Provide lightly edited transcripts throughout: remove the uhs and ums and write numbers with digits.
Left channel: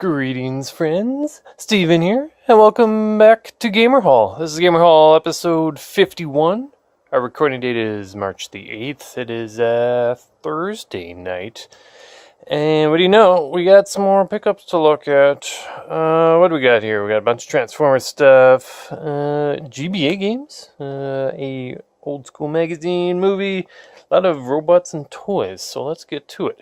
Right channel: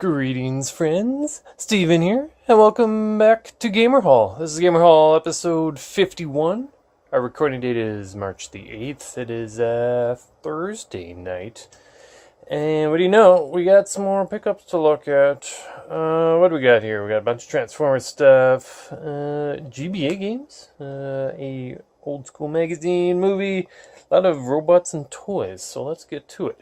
Greetings, friends. Steven here, and welcome back to Gamer Hall. This is Gamer Hall episode 51. Our recording date is March the 8th. It is Thursday night. And what do you know? We got some more pickups to look at. What do we got here? We got a bunch of Transformers stuff, GBA games, a old school magazine, movie, a lot of robots and toys, so let's get to it.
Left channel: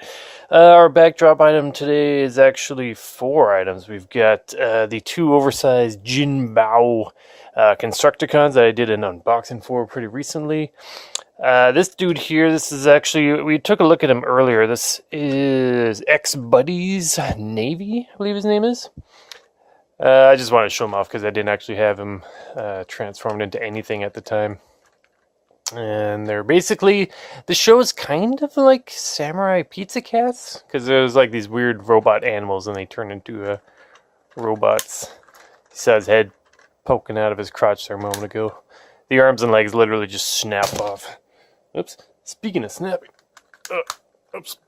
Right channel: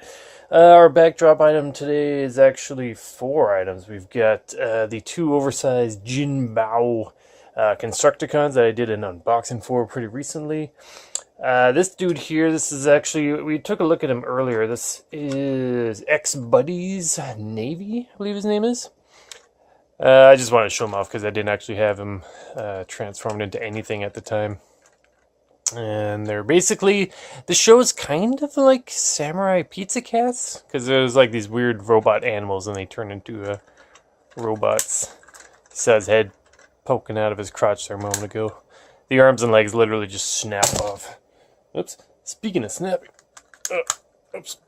Our backdrop item today is actually 4 items. We've got the 2 oversized Jinbao Constructicons that I did an unboxing for pretty recently. This dude here, this is actually, we took a look at him earlier. This is X-Buddy's Navy, I believe his name is. I just wanted to show him off because I didn't actually have him transformed into anything at the time. And they're basically, the show is kind of like Samurai Pizza Cats, because there's like these weird robot animals and they turn into robots. He saw his head poking out of his crotch there a moment ago. The arms and legs literally just snap off. Oops. Speaking of snapping. Oops.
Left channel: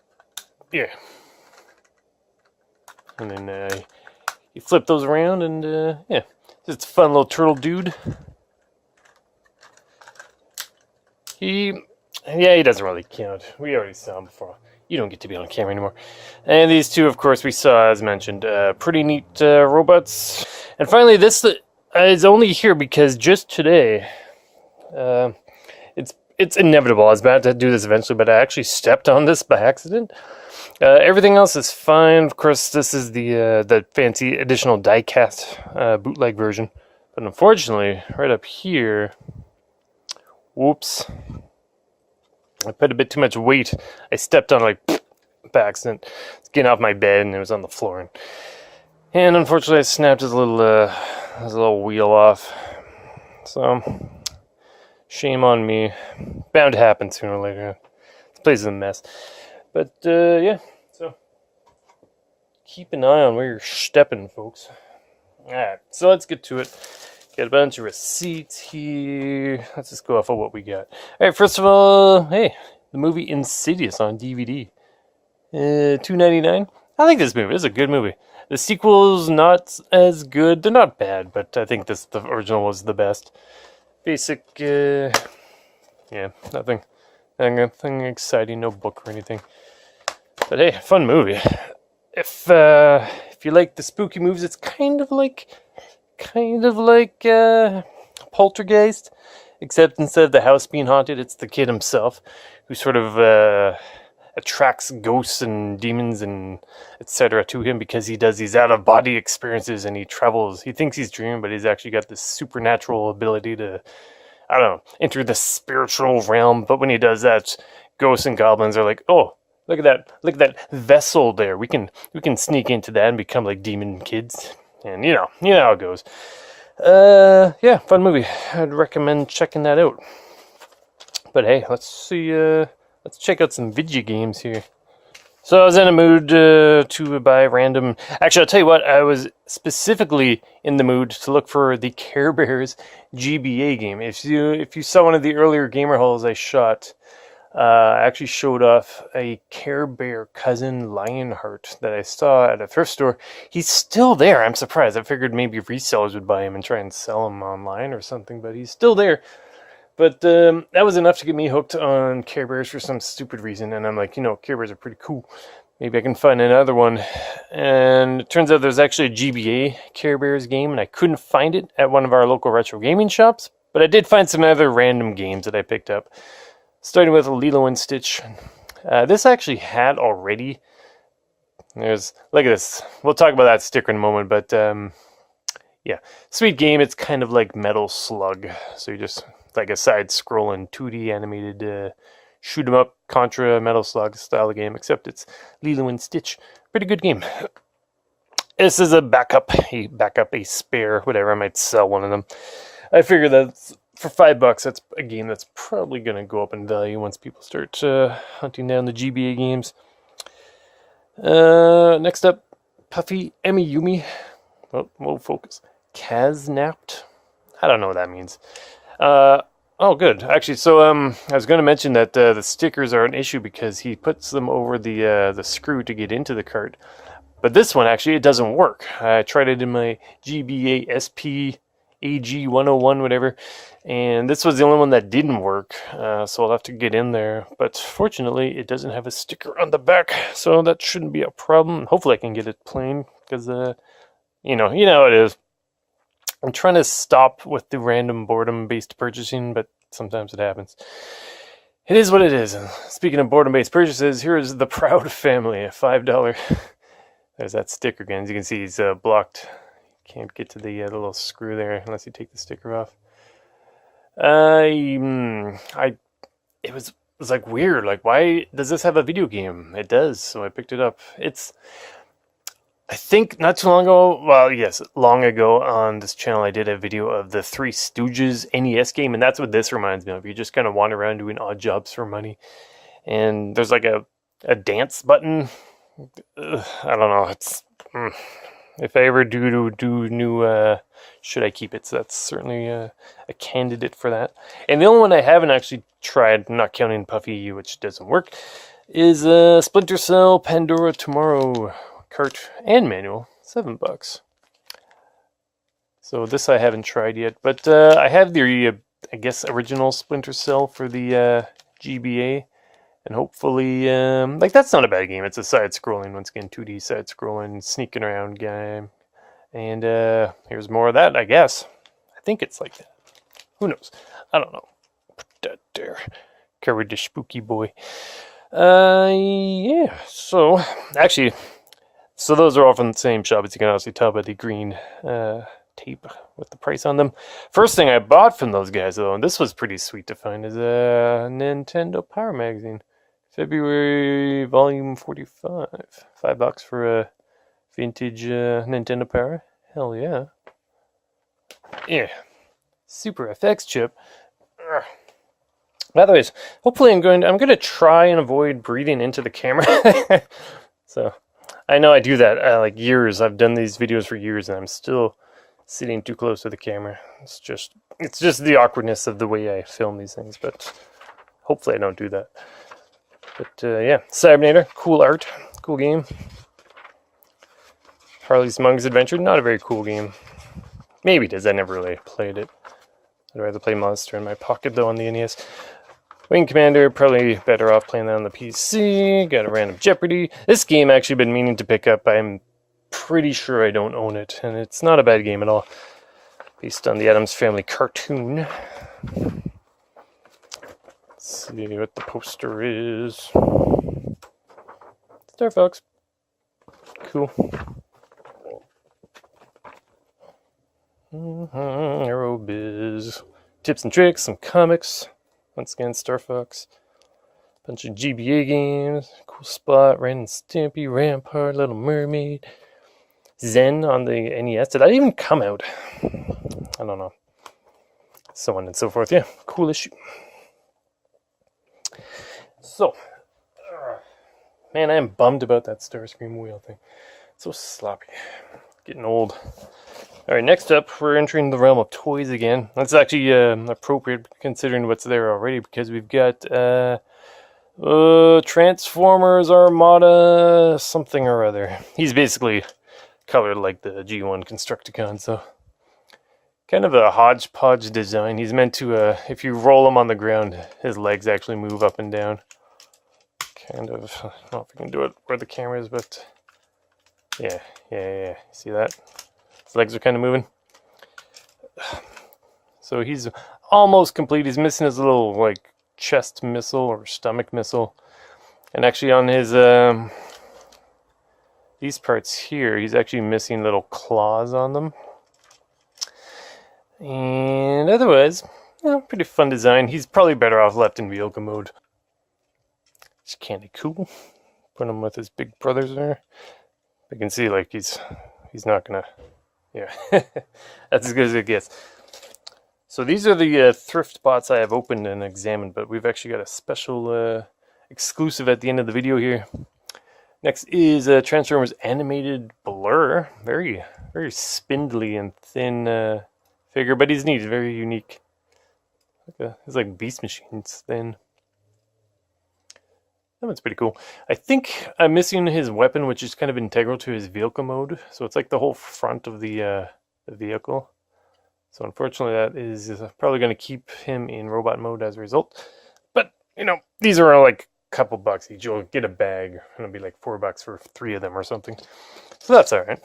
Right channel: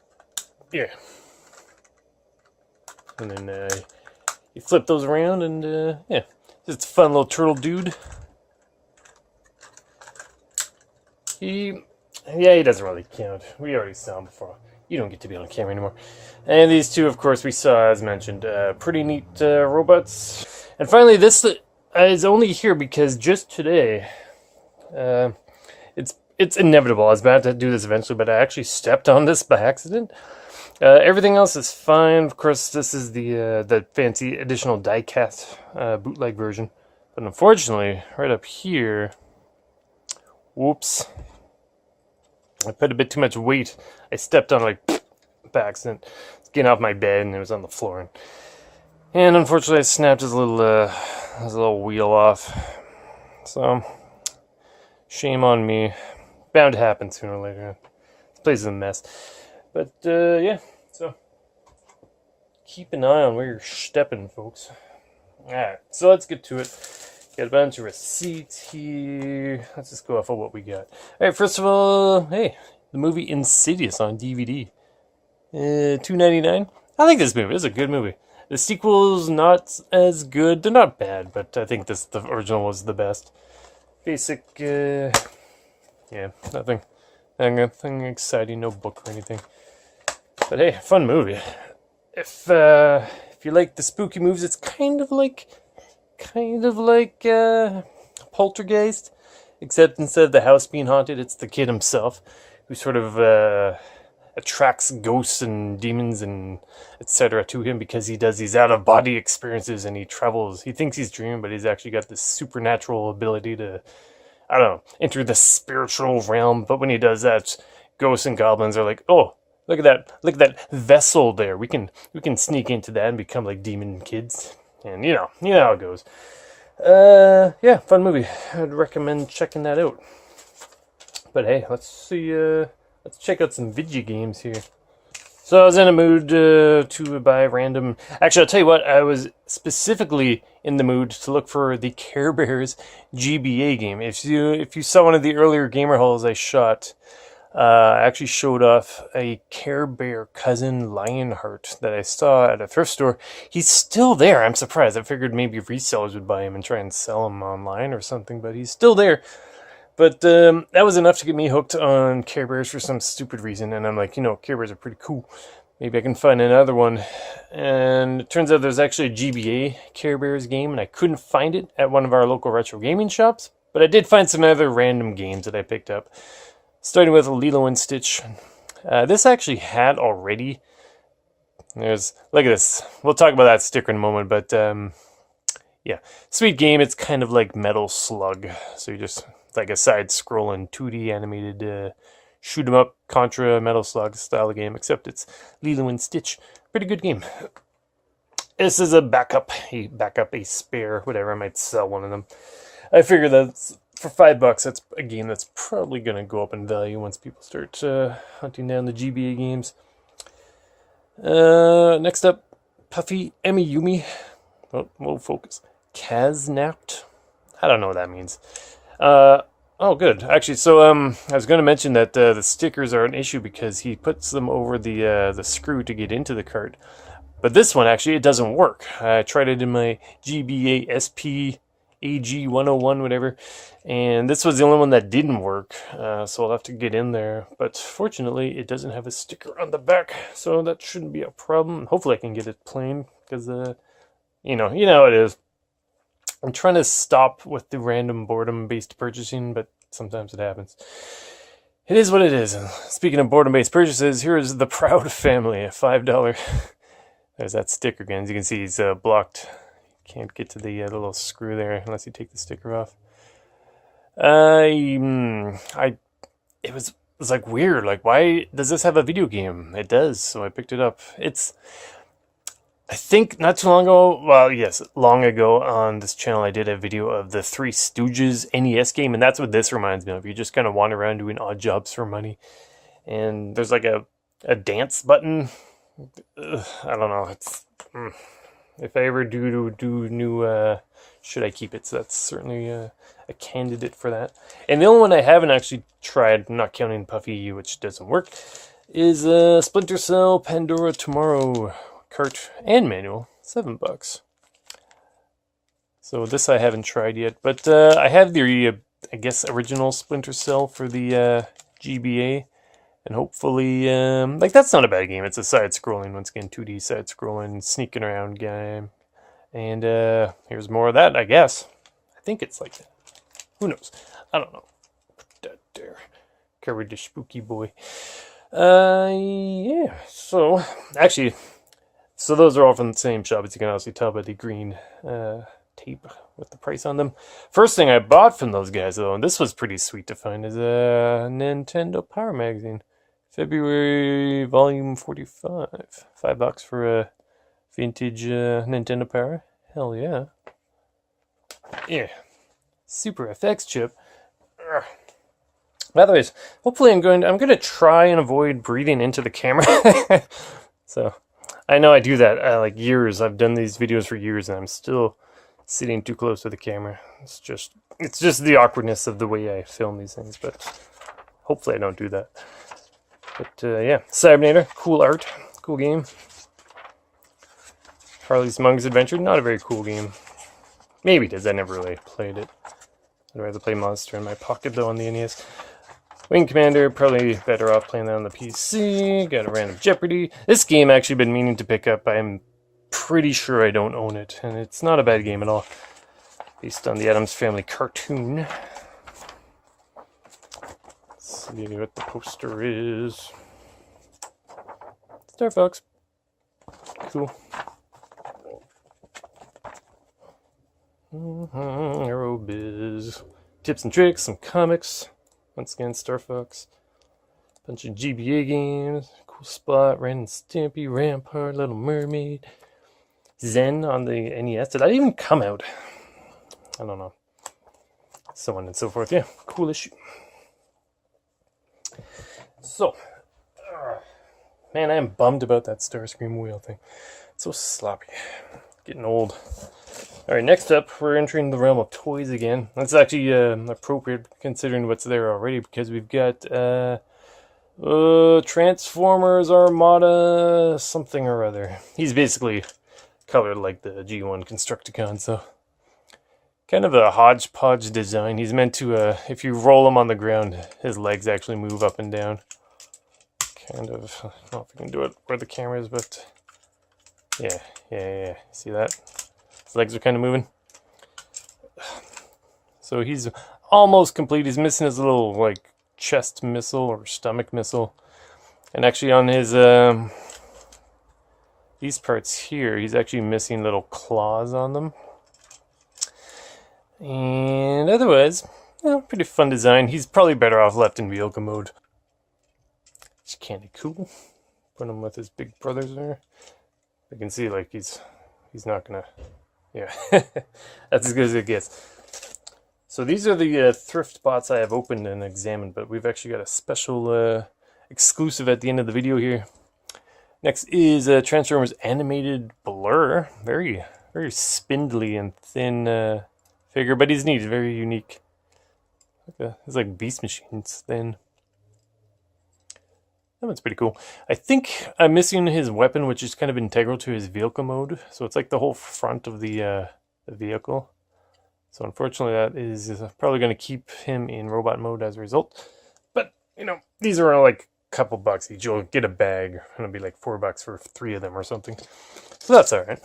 Yeah. And then you flip those around and yeah. Just a fun little turtle dude. He doesn't really count. We already saw him before. You don't get to be on camera anymore. And these two, of course, we saw, as mentioned, pretty neat robots. And finally, this is only here because just today, it's inevitable. I was about to do this eventually, but I actually stepped on this by accident. Everything else is fine. Of course, this is the fancy additional die-cast bootleg version. But unfortunately, right up here, whoops, I put a bit too much weight. I stepped on it like by accident. It's getting off my bed and it was on the floor. And unfortunately, I snapped his little wheel off. So, shame on me. Bound to happen sooner or later. This place is a mess. But, yeah. So, keep an eye on where you're stepping, folks. Alright, so let's get to it. Got a bunch of receipts here. Let's just go off of what we got. Alright, first of all, hey, the movie Insidious on DVD. $2.99. I like this movie. It's a good movie. The sequel's not as good. They're not bad, but I think the original was the best. Basic, yeah, nothing exciting, no book or anything. But hey, fun movie. If you like the spooky movies, it's kind of like Poltergeist, except instead of the house being haunted, it's the kid himself who sort of attracts ghosts and demons and etc. to him because he does these out-of-body experiences and he travels. He thinks he's dreaming, but he's actually got this supernatural ability to, I don't know, enter the spiritual realm. But when he does that, ghosts and goblins are like, oh, look at that vessel there. We can sneak into that and become like demon kids. And you know how it goes. Yeah, fun movie. I'd recommend checking that out. But hey, let's see, let's check out some video games here. So I was in a mood to buy random... Actually, I'll tell you what, I was specifically in the mood to look for the Care Bears GBA game. If you saw one of the earlier Gamer Halls I shot, I actually showed off a Care Bear cousin Lionheart that I saw at a thrift store. He's still there. I'm surprised. I figured maybe resellers would buy him and try and sell him online or something, but he's still there. But that was enough to get me hooked on Care Bears for some stupid reason. And I'm like, Care Bears are pretty cool. Maybe I can find another one. And it turns out there's actually a GBA Care Bears game, and I couldn't find it at one of our local retro gaming shops. But I did find some other random games that I picked up. Starting with Lilo and Stitch. This actually had already. Look at this. We'll talk about that sticker in a moment, but yeah, sweet game. It's kind of like Metal Slug, so you just like a side-scrolling 2D animated shoot 'em up Contra Metal Slug style of game, except it's Lilo and Stitch. Pretty good game. This is a a spare, whatever. I might sell one of them. I figure that's. For $5, that's a game that's probably going to go up in value once people start hunting down the GBA games. Next up, Puffy Amiyumi. Oh, we'll focus. Kaznapped. I don't know what that means. Oh, good. Actually, so I was going to mention that the stickers are an issue because he puts them over the screw to get into the cart. But this one, actually, it doesn't work. I tried it in my GBA SP AG 101, whatever, and this was the only one that didn't work, so I'll have to get in there. But fortunately, it doesn't have a sticker on the back, so that shouldn't be a problem. Hopefully I can get it plain, because, you know how it is. I'm trying to stop with the random boredom-based purchasing, but sometimes it happens. It is what it is. And speaking of boredom-based purchases, here is the Proud Family, a $5. There's that sticker again. As you can see, he's blocked. Can't get to the little screw there unless you take the sticker off. It was like weird. Like, why does this have a video game? It does, so I picked it up. I think not too long ago, well, yes, long ago on this channel, I did a video of the Three Stooges NES game, and that's what this reminds me of. You just kind of wander around doing odd jobs for money, and there's like a dance button. I don't know. If I ever do new, should I keep it? So that's certainly a candidate for that. And the only one I haven't actually tried, not counting Puffy, which doesn't work, is Splinter Cell Pandora Tomorrow cart and manual, $7. So this I haven't tried yet, but I have the I guess original Splinter Cell for the GBA. And hopefully, like, that's not a bad game. It's a side-scrolling, once again, 2D side-scrolling, sneaking around game. And here's more of that, I guess. I think it's like that. Who knows? I don't know. Put that there. Courage the spooky boy. Yeah. So, actually, so those are all from the same shop, as you can obviously tell by the green tape with the price on them. First thing I bought from those guys, though, and this was pretty sweet to find, is a Nintendo Power Magazine. February volume 45. $5 for a vintage Nintendo Power. Hell yeah. Yeah. Super FX chip. By the way, hopefully I'm going to try and avoid breathing into the camera. So, I know I do that like years. I've done these videos for years and I'm still sitting too close to the camera. It's just the awkwardness of the way I film these things, but hopefully I don't do that. But yeah, Cybernator, cool art, cool game. Harley's Monks Adventure, not a very cool game. Maybe it is, I never really played it. I'd rather play Monster in my pocket though on the NES. Wing Commander, probably better off playing that on the PC. Got a Random Jeopardy. This game I've actually been meaning to pick up. I'm pretty sure I don't own it, and it's not a bad game at all. Based on the Addams Family cartoon. See what the poster is. Star Fox. Cool. Aerobiz. Tips and tricks, some comics. Once again, Star Fox. Bunch of GBA games. Cool Spot, Ren and Stimpy, Rampart, Little Mermaid. Zen on the NES. Did that even come out? I don't know. So on and so forth. Yeah, cool issue. So, man, I am bummed about that Starscream wheel thing. It's so sloppy. Getting old. Alright, next up, we're entering the realm of toys again. That's actually appropriate considering what's there already, because we've got Transformers Armada something or other. He's basically colored like the G1 Constructicon, so kind of a hodgepodge design. He's meant to, if you roll him on the ground, his legs actually move up and down. Kind of, I don't know if I can do it where the camera is, but yeah. See that? His legs are kind of moving. So he's almost complete. He's missing his little, like, chest missile or stomach missile. And actually on his, these parts here, he's actually missing little claws on them. And otherwise, pretty fun design. He's probably better off left in vehicle mode. It's kind of cool. Put him with his big brothers there. You can see, like, he's not gonna, yeah. That's as good as it gets. So these are the thrift bots I have opened and examined, but we've actually got a special exclusive at the end of the video here. Next is Transformers Animated Blur. Very, very spindly and thin figure, but he's neat, very unique. It's like Beast Machine's thin. That one's pretty cool. I think I'm missing his weapon, which is kind of integral to his vehicle mode. So it's like the whole front of the vehicle. So unfortunately, that is probably going to keep him in robot mode as a result. But, you know, these are like a couple bucks each. You'll get a bag, and it'll be like $4 for 3 of them or something. So that's all right.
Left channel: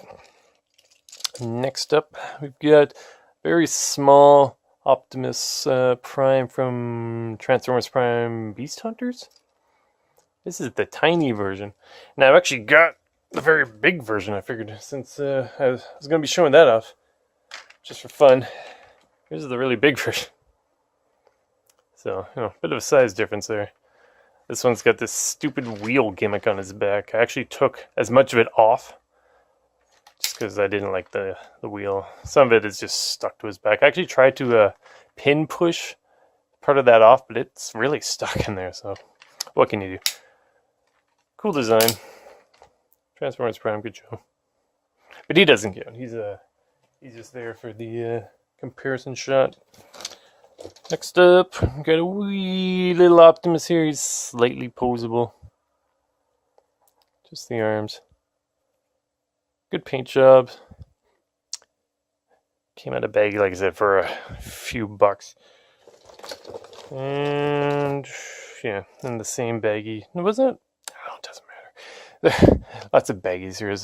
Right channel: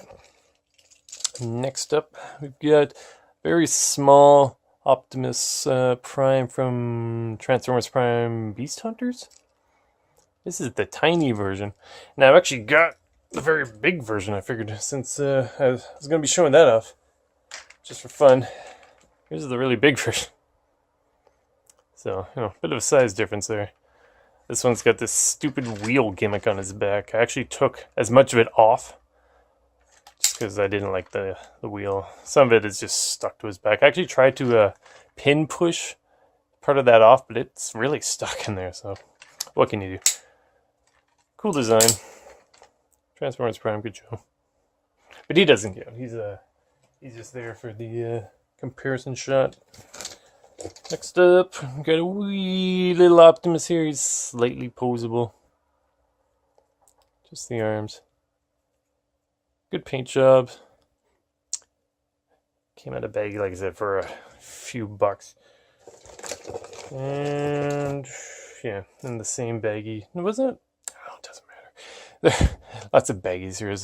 Next up, we've got very small Optimus Prime from Transformers Prime Beast Hunters. This is the tiny version. Now, I've actually got the very big version, I figured, since I was going to be showing that off just for fun. Here's the really big version. So, you know, a bit of a size difference there. This one's got this stupid wheel gimmick on his back. I actually took as much of it off just because I didn't like the wheel. Some of it is just stuck to his back. I actually tried to pin push part of that off, but it's really stuck in there, so what can you do? Cool design. Transformers Prime, good show. But he doesn't count. He's just there for the comparison shot. Next up, we've got a wee little Optimus here. He's slightly posable. Just the arms. Good paint job. Came out of baggy, like I said, for a few bucks. And yeah, in the same baggy. Was it? Oh, it doesn't matter. Lots of baggies. Here's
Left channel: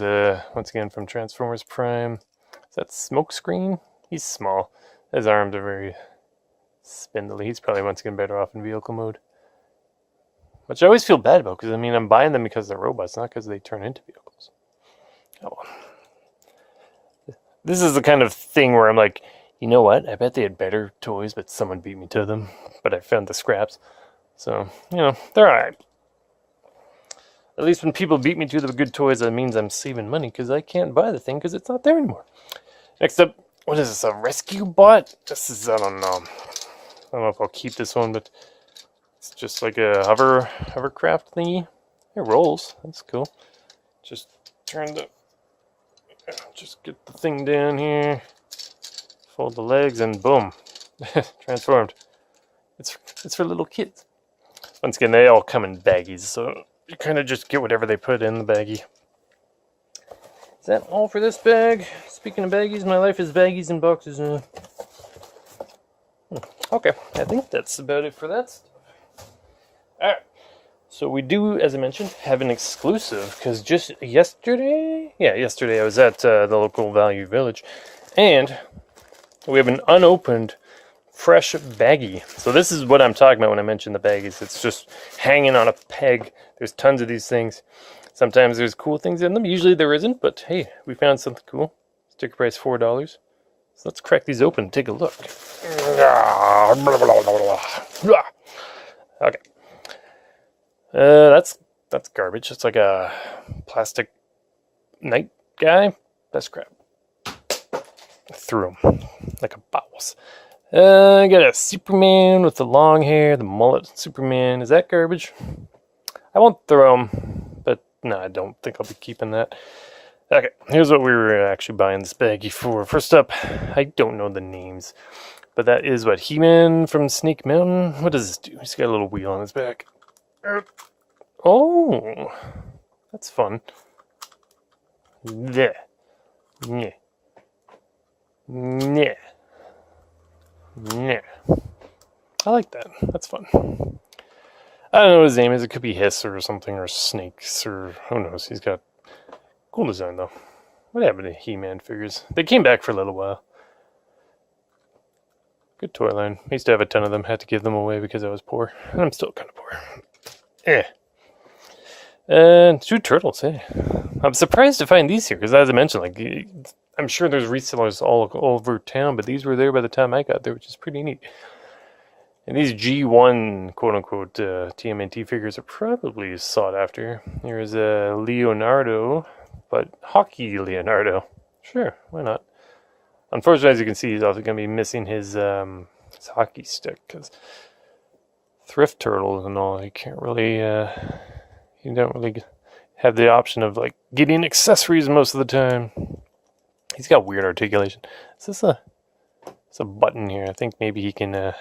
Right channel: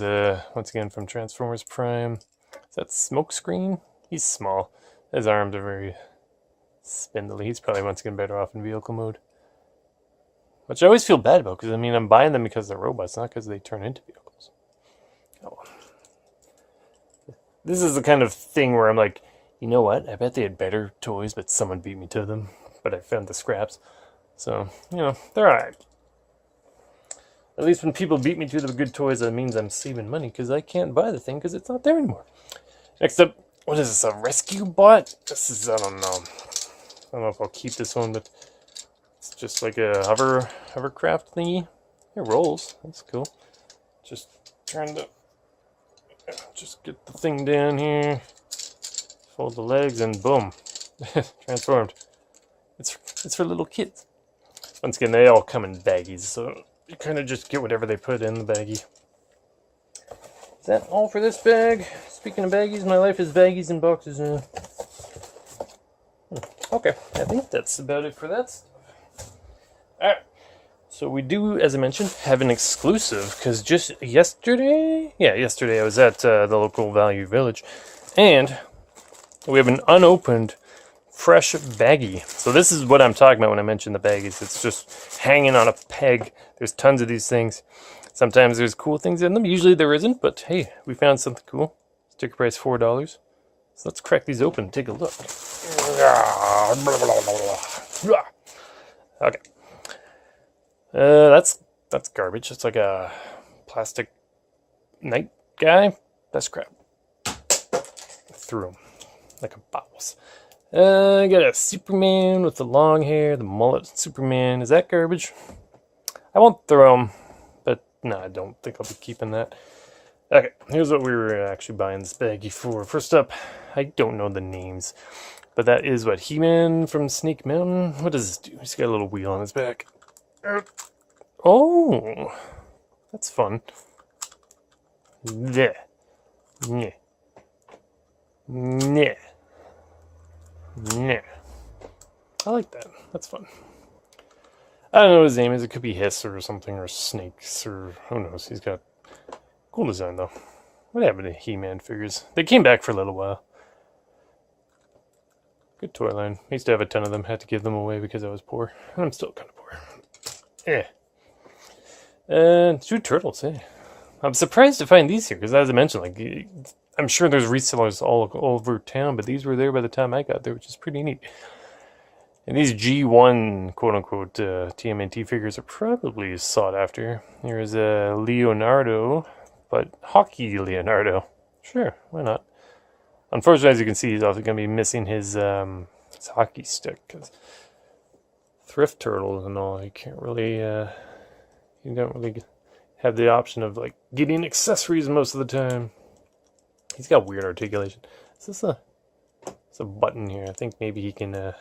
once again from Transformers Prime. Is that Smokescreen? He's small. His arms are very spindly. He's probably once again better off in vehicle mode. Which I always feel bad about, because I mean, I'm buying them because they're robots, not because they turn into vehicles. Oh. This is the kind of thing where I'm like, you know what? I bet they had better toys, but someone beat me to them. But I found the scraps. So, you know, they're alright. At least when people beat me to the good toys, that means I'm saving money, because I can't buy the thing because it's not there anymore. Next up, what is this, a rescue bot? This is, I don't know if I'll keep this one, but it's just like a hovercraft thingy. It rolls, that's cool. Just get the thing down here, fold the legs, and boom, transformed. It's for little kids. Once again, they all come in baggies, so you kind of just get whatever they put in the baggie. Is that all for this bag? Speaking of baggies, my life is baggies and boxes. Okay, I think that's about it for that stuff. Alright, so we do, as I mentioned, have an exclusive, because just yesterday I was at the local Value Village, and we have an unopened fresh baggie. So this is what I'm talking about when I mention the baggies. It's just hanging on a peg. There's tons of these things. Sometimes there's cool things in them. Usually there isn't, but hey, we found something cool. Sticker price $4. So let's crack these open and take a look. Okay. That's garbage. It's like a plastic night guy. That's crap. Threw him like a boss. I got a Superman with the long hair, the mullet Superman. Is that garbage? I won't throw him, but no, I don't think I'll be keeping that. Okay, here's what we were actually buying this baggie for. First up, I don't know the names, but that is what, He-Man from Snake Mountain? What does this do? He's got a little wheel on his back. Oh, that's fun. Yeah. Yeah. Yeah. Yeah. I like that. That's fun. I don't know what his name is. It could be Hiss or something, or Snakes, or who knows. He's got cool design, though. What happened to He-Man figures? They came back for a little while. Good toy line. I used to have a ton of them. Had to give them away because I was poor. And I'm still kind of poor. Eh. And 2 turtles, hey. I'm surprised to find these here, because as I mentioned, like, I'm sure there's resellers all over town, but these were there by the time I got there, which is pretty neat. And these G1, quote-unquote, TMNT figures are probably sought after. Here's a Leonardo, but hockey Leonardo. Sure, why not? Unfortunately, as you can see, he's also going to be missing his hockey stick, because thrift turtles and all, you can't really, you don't really have the option of, like, getting accessories most of the time. He's got weird articulation. Is this it's a button here? I think maybe he can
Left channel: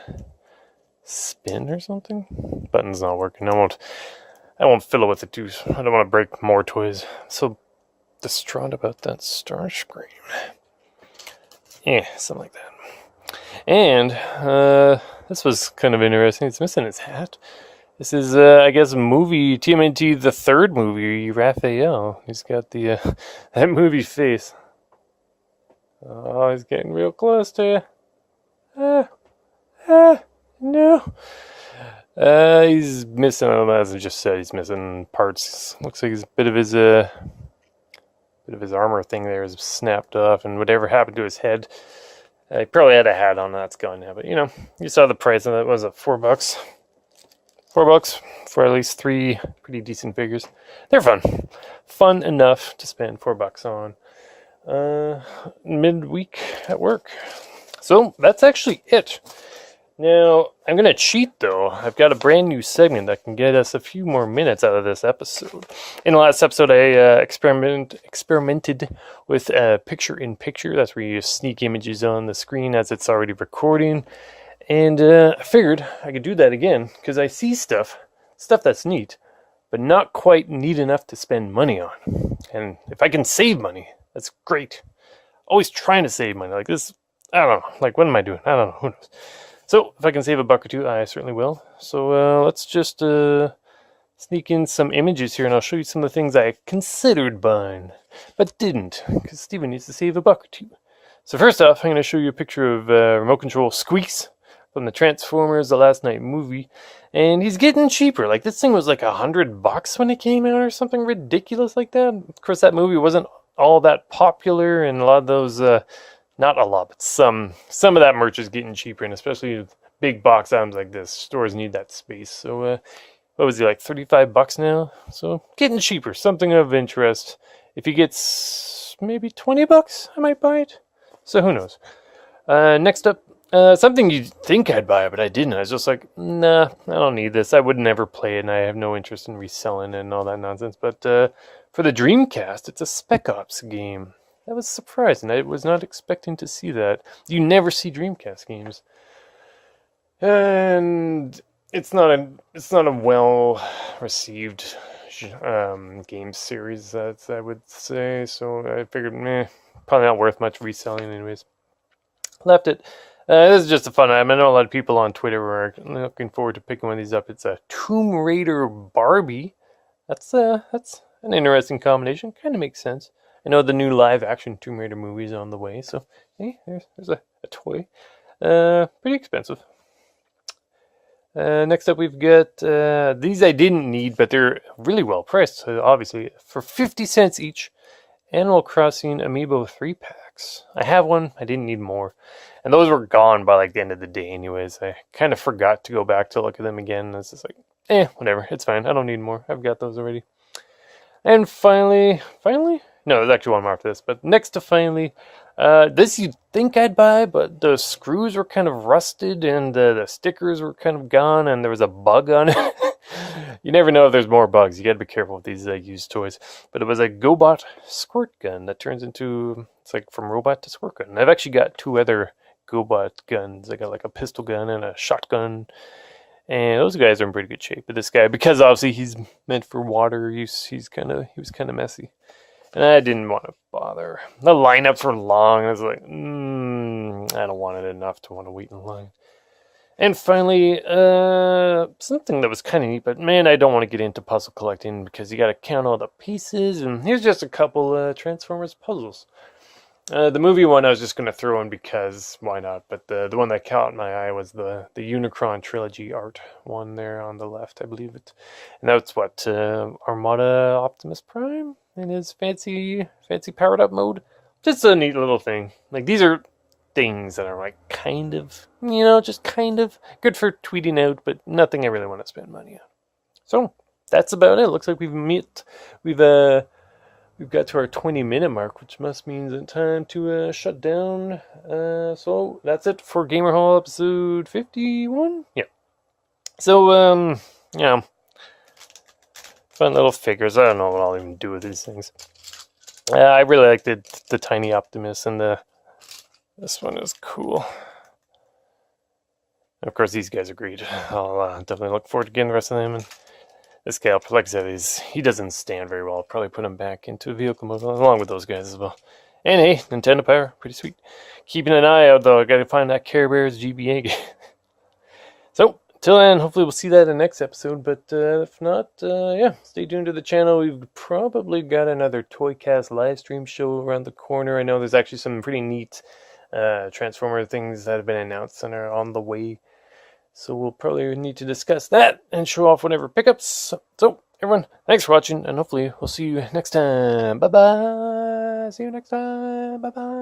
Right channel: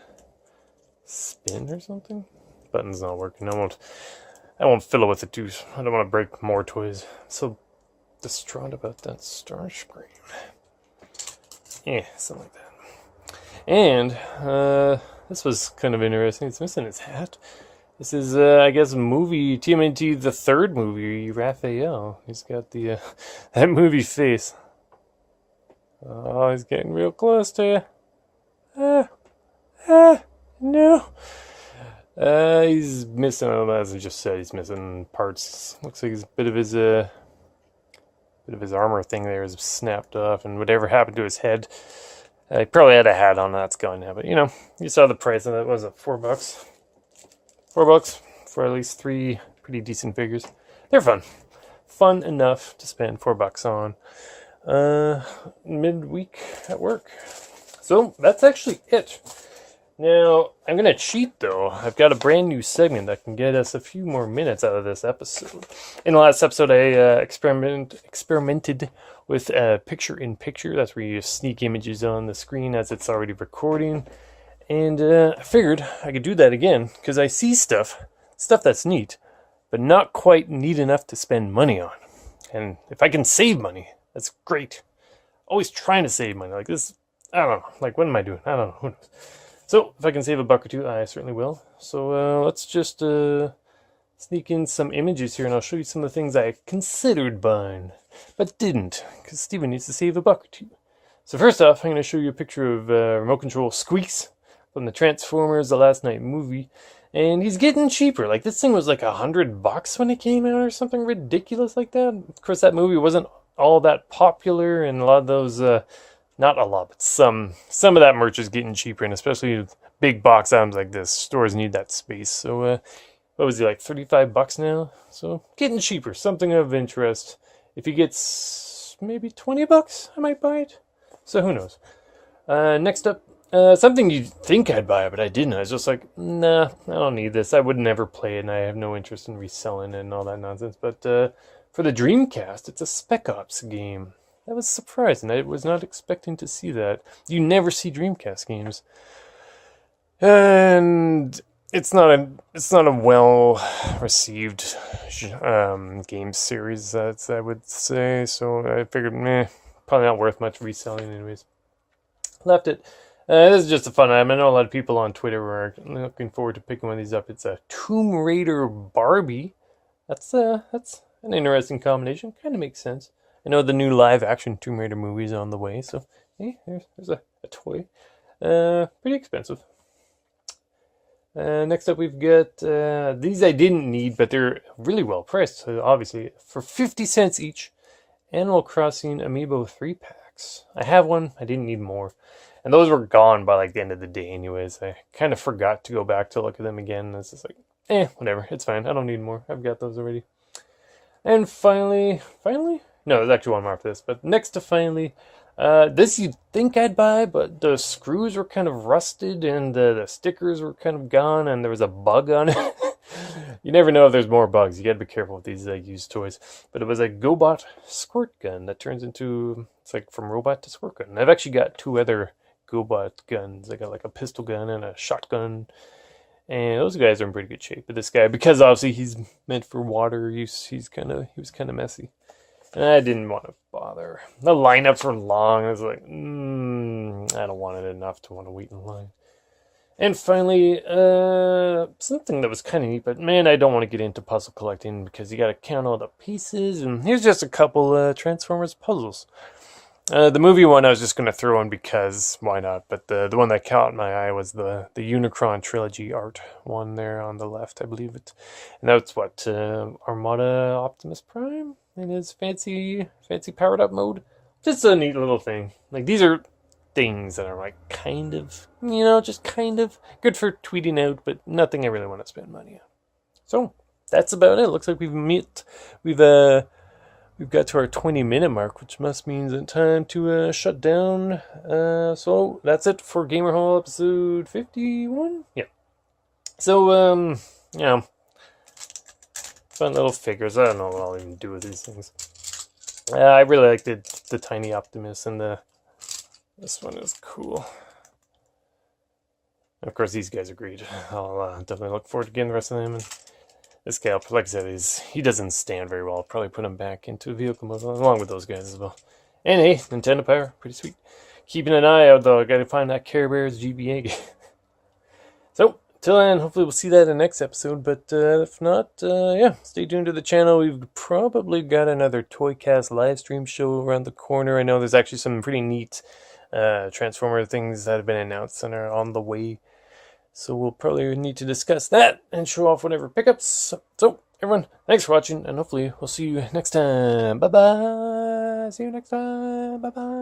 spin or something. Button's not working. I I won't fill it with the twos. I don't want to break more toys. I'm so distraught about that Starscream. Yeah, something like that. And this was kind of interesting. It's missing his hat. This is, I guess, movie TMNT, the third movie, Raphael. He's got the that movie face. Oh, he's getting real close to you. No. He's missing, as I just said, he's missing parts. Looks like a bit of his armor thing there is snapped off, and whatever happened to his head. He probably had a hat on, that's gone now. But you know, you saw the price of it. Was it $4? $4 for at least 3 pretty decent figures. They're fun enough to spend $4 on midweek at work. So that's actually it. Now, I'm going to cheat though. I've got a brand new segment that can get us a few more minutes out of this episode. In the last episode, I experimented with picture-in-picture. That's where you sneak images on the screen as it's already recording. And I figured I could do that again because I see stuff that's neat, but not quite neat enough to spend money on. And if I can save money, that's great. Always trying to save money. Like this, I don't know. Like, what am I doing? I don't know. Who knows? So, if I can save $1 or $2, I certainly will. So, let's just sneak in some images here, and I'll show you some of the things I considered buying, but didn't, because Steven needs to save $1 or $2. So first off, I'm going to show you a picture of remote control Squeaks from the Transformers The Last Night movie, and he's getting cheaper. Like, this thing was like $100 when it came out, or something ridiculous like that. Of course, that movie wasn't all that popular, and a lot of those, not a lot, but some of that merch is getting cheaper, and especially big box items like this, stores need that space. So, what was he, like $35 now? So, getting cheaper, something of interest. If he gets maybe $20, I might buy it. So, who knows? Next up, something you'd think I'd buy, but I didn't. I was just like, nah, I don't need this. I would never play it, and I have no interest in reselling it and all that nonsense. But for the Dreamcast, it's a Spec Ops game. That was surprising. I was not expecting to see that. You never see Dreamcast games. And it's not a well received game series, I would say. So I figured, probably not worth much reselling anyways. Left it. This is just a fun item. I know a lot of people on Twitter were looking forward to picking one of these up. It's a Tomb Raider Barbie. That's an interesting combination. Kind of makes sense. I know the new live-action Tomb Raider movie is on the way, so hey, there's a toy. Pretty expensive. Next up, we've got these I didn't need, but they're really well priced. So obviously, for 50 cents each, Animal Crossing Amiibo 3-packs. I have one. I didn't need more. And those were gone by like the end of the day anyways. I kind of forgot to go back to look at them again. It's just like, whatever. It's fine. I don't need more. I've got those already. And finally? No, there's actually one more after this. But next to finally, this you'd think I'd buy, but the screws were kind of rusted and the stickers were kind of gone and there was a bug on it. You never know if there's more bugs. You gotta be careful with these used toys. But it was a GoBot squirt gun that turns into, it's like from robot to squirt gun. And I've actually got 2 other GoBot guns. I got like a pistol gun and a shotgun. And those guys are in pretty good shape. But this guy, because obviously he's meant for water use, he was kind of messy. And I didn't want to bother. The lineups were long. I was like, I don't want it enough to want to wait in line. And finally, something that was kind of neat, but man, I don't want to get into puzzle collecting because you got to count all the pieces. And here's just a couple Transformers puzzles. The movie one I was just going to throw in because why not? But the one that caught my eye was the Unicron trilogy art one there on the left, I believe it. And that's what Armada Optimus Prime in his fancy powered up mode. Just a neat little thing. Like, these are things that are like kind of, just kind of good for tweeting out, but nothing I really want to spend money on. So that's about it. Looks like we've got to our 20-minute mark, which must mean it's time to shut down. So that's it for Gamer Hall episode 51. Yeah. So fun little figures. I don't know what I'll even do with these things. I really like the Tiny Optimus, and this one is cool. And of course, these guys are great. I'll definitely look forward to getting the rest of them. And This guy, like I said, he doesn't stand very well. I'll probably put him back into vehicle mode along with those guys as well. And hey, Nintendo Power, pretty sweet. Keeping an eye out though, I gotta find that Care Bears GBA game. So, till then, hopefully we'll see that in the next episode. But if not, yeah, stay tuned to the channel. We've probably got another Toycast live stream show around the corner. I know there's actually some pretty neat Transformer things that have been announced and are on the way. So we'll probably need to discuss that and show off whatever pickups. So, everyone, thanks for watching, and hopefully we'll see you next time. Bye-bye. See you next time. Bye-bye.